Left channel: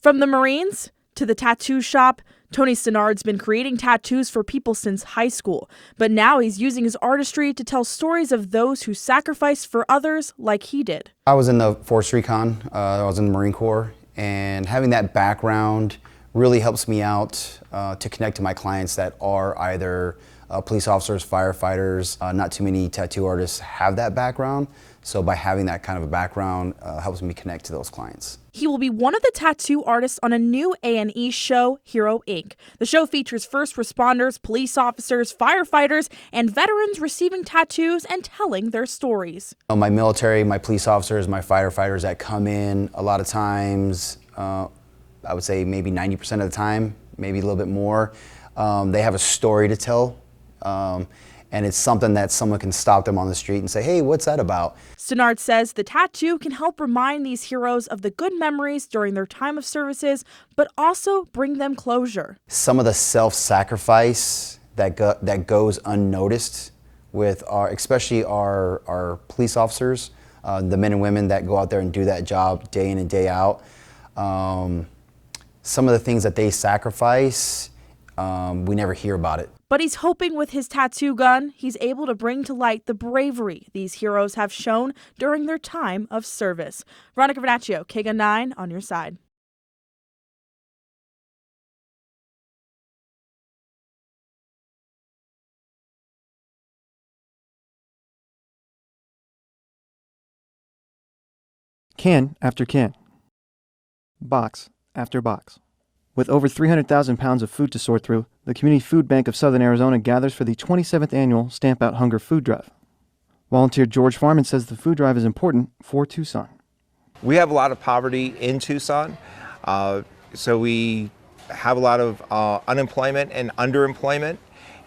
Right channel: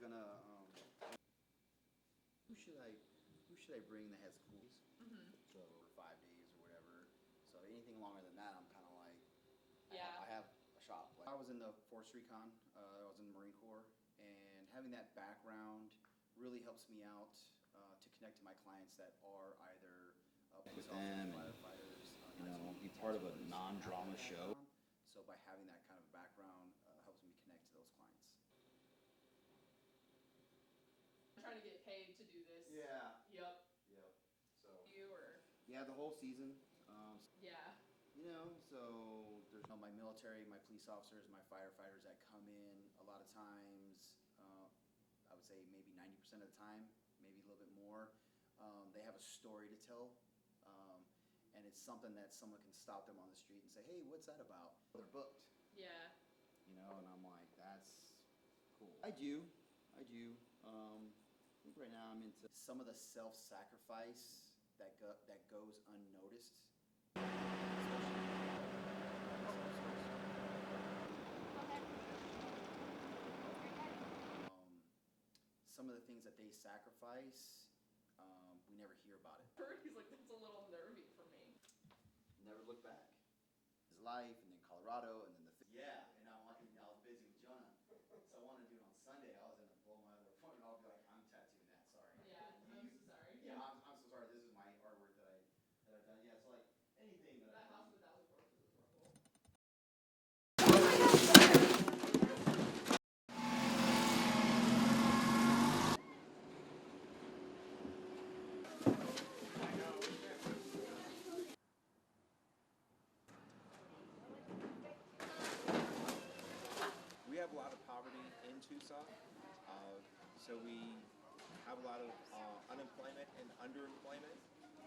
From the Marines to the tattoo shop, Tony Stenard's been creating tattoos for people since high school, but now he's using his artistry to tell stories of those who sacrificed for others like he did. I was in the Force Recon, I was in the Marine Corps, and having that background really helps me out to connect to my clients that are either police officers, firefighters. Not too many tattoo artists have that background, so by having that kind of a background helps me connect to those clients. He will be one of the tattoo artists on a new A&E show, Hero Inc. The show features first responders, police officers, firefighters, and veterans receiving tattoos and telling their stories. My military, my police officers, my firefighters that come in, a lot of times, I would say maybe 90% of the time, maybe a little bit more, they have a story to tell. And it's something that someone can stop them on the street and say, hey, what's that about? Stenard says the tattoo can help remind these heroes of the good memories during their time of services, but also bring them closure. Some of the self-sacrifice that goes unnoticed with especially our police officers, the men and women that go out there and do that job day in and day out. Some of the things that they sacrifice, we never hear about it. But he's hoping with his tattoo gun, he's able to bring to light the bravery these heroes have shown during their time of service. Veronica Vernacchio, KGUN 9 on your side. Can after can. Box after box. With over 300,000 pounds of food to sort through, the Community Food Bank of Southern Arizona gathers for the 27th annual Stamp Out Hunger Food Drive. Volunteer George Farman says the food drive is important for Tucson. We have a lot of poverty in Tucson, so we have a lot of unemployment and underemployment.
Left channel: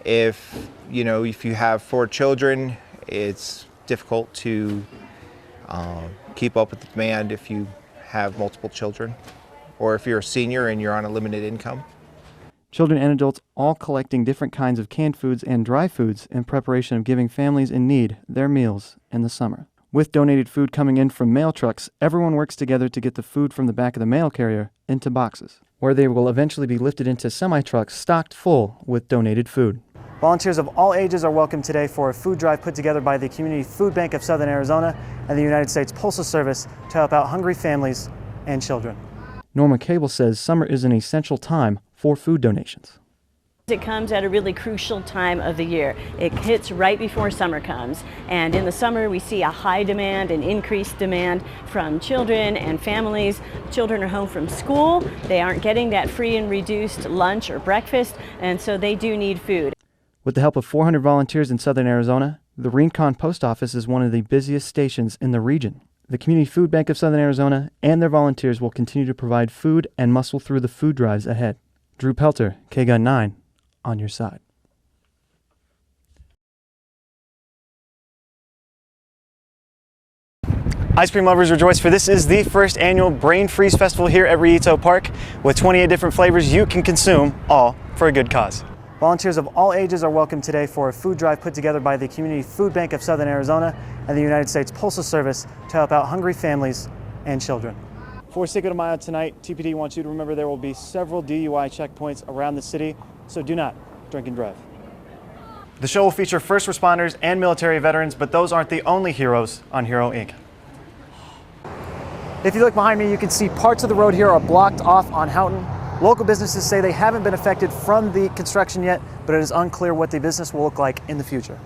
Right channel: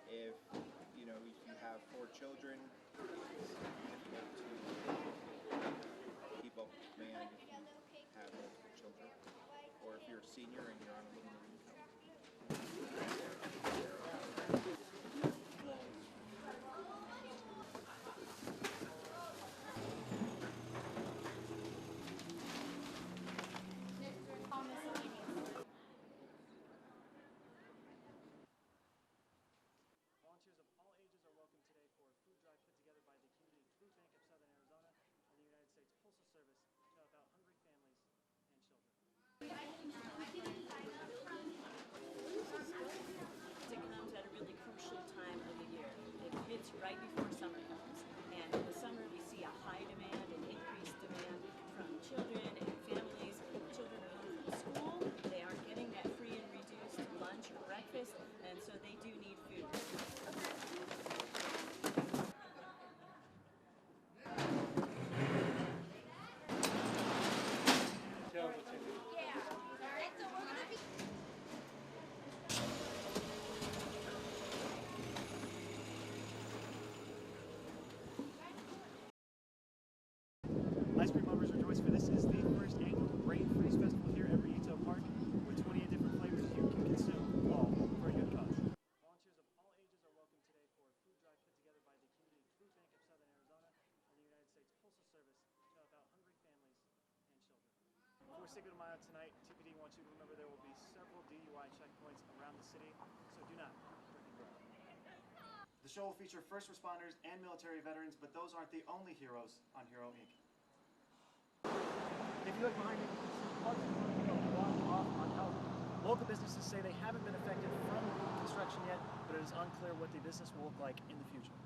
If you have 4 children, it's difficult to keep up with the demand if you have multiple children, or if you're a senior and you're on a limited income. Children and adults all collecting different kinds of canned foods and dry foods in preparation of giving families in need their meals in the summer. With donated food coming in from mail trucks, everyone works together to get the food from the back of the mail carrier into boxes, where they will eventually be lifted into semi-trucks stocked full with donated food. Volunteers of all ages are welcome today for a food drive put together by the Community Food Bank of Southern Arizona and the United States Postal Service to help out hungry families and children. Norma Cable says summer is an essential time for food donations. It comes at a really crucial time of the year. It hits right before summer comes, and in the summer we see a high demand and increased demand from children and families. Children are home from school, they aren't getting that free and reduced lunch or breakfast, and so they do need food. With the help of 400 volunteers in Southern Arizona, the Rincon Post Office is one of the busiest stations in the region. The Community Food Bank of Southern Arizona and their volunteers will continue to provide food and muscle through the food drives ahead. Drew Pelter, KGUN 9, on your side. Ice cream lovers rejoice, for this is the first annual Brain Freeze Festival here at Rillito Park. With 28 different flavors you can consume, all for a good cause. Volunteers of all ages are welcome today for a food drive put together by the Community Food Bank of Southern Arizona and the United States Postal Service to help out hungry families and children. For Cinco de Mayo tonight, TPD wants you to remember there will be several DUI checkpoints around the city, so do not drink and drive. The show will feature first responders and military veterans, but those aren't the only heroes on Hero Inc. If you look behind me, you can see parts of the road here are blocked off on Houghton. Local businesses say they haven't been affected from the construction yet, but it is unclear what the business will look like in the future.